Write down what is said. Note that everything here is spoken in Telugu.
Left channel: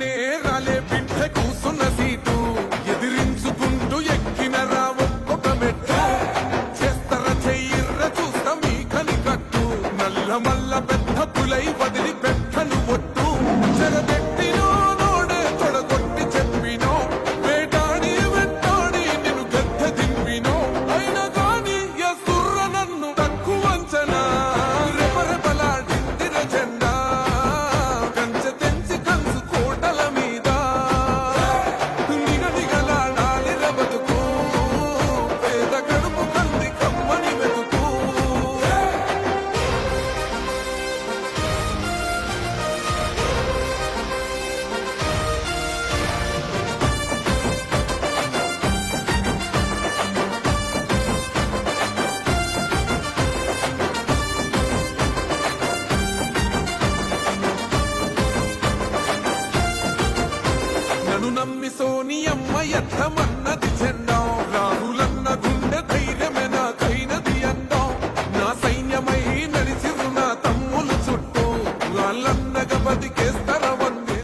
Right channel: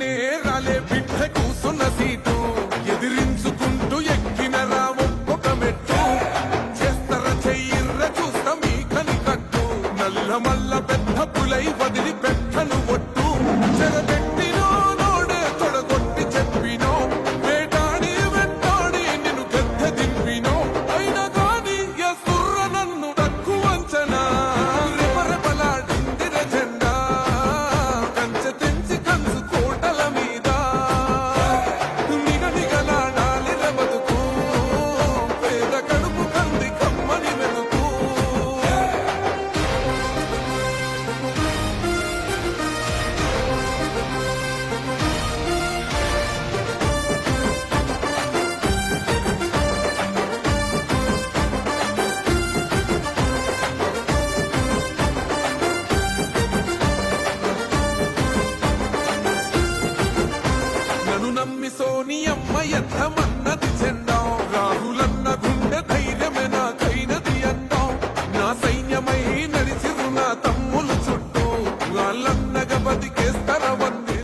రాగానే రాలే బిడ్డ కూసున్న సీటు ఎదిరించుకుంటూ ఎక్కిన రా ఒక్కొక్క మెట్టు చేస్తర చెయ్యిర్ర చూస్తా మీ కనికట్టు నల్ల మల్ల పెద్ద పులై వదిలి పెట్టను ఒట్టు చెరబెట్టినో నోడే తొడగొట్టి చెప్పినో వేటాడి వెంటాడి నిన్ను గద్దె దింపినో అయినా గాని ఎసుర్ర నన్ను తక్కువ అంచనా రెపరెపలాడిందిర జెండా కంచె తెంచి కంచు కోటల మీద నిగనిగలాడాలిర బతుకు పేద కడుపు కంది కమ్మని మెతుకు నన్ను నమ్మి సోనియమ్మ ఎత్తమన్నది జెండా రాహులన్న గుండె ధైర్యమే